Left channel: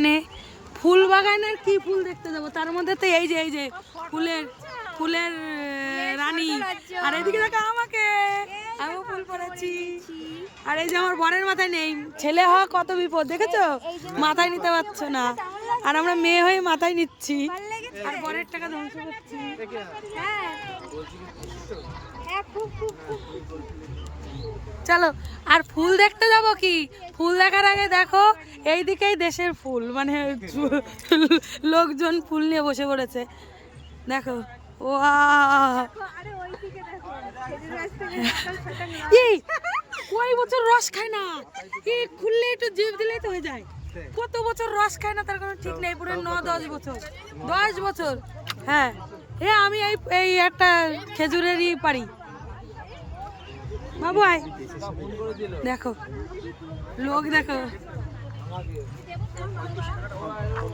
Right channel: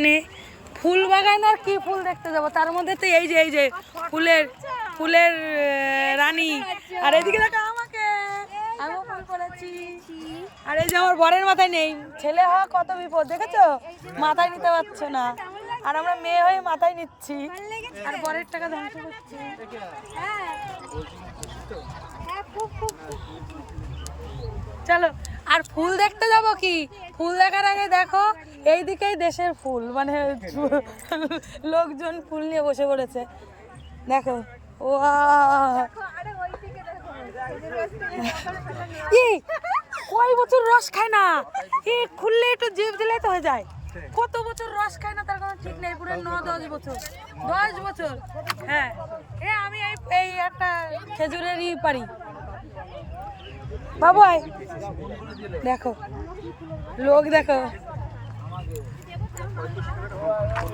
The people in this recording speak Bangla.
এখানে ফুল বাগান আর কি ফুল দেখতে যাবো, তার মধ্যে তো এই যে ফুলের ফুলের রানী। আর এদিকে দেখো আমাকে, আমিও ফুল পড়াচ্ছি। আর এই যে আমার বরের মাথায় নেই, ছেলে হওয়া কত বিপদ দেখেছো, মাথায় নিতে পারছো না, আর আমরা মেয়ে হয়ে মাথায় নিচ্ছি আর বরের টাকা ধ্বংস করছি। চলো আর ফুল দেখতে যাব কি, ফুল দেখার আগে দেখো এইদিকেই দেশের ফুল, মানে লোকজন ফুল নিয়ে বসে পড়েছে দেখো। কয় বছর রস খায় না, খুললে একটু জিভ দিলে তো হয়ে যায়। কত বছর রস খায় না তার কোনো ঠিক নেই, পুরো 9-10 বছর, 10 বছর। হ্যাঁ আমি এই একটা খেজুরেরই পারি। বাবু দেখো লোক দেখো।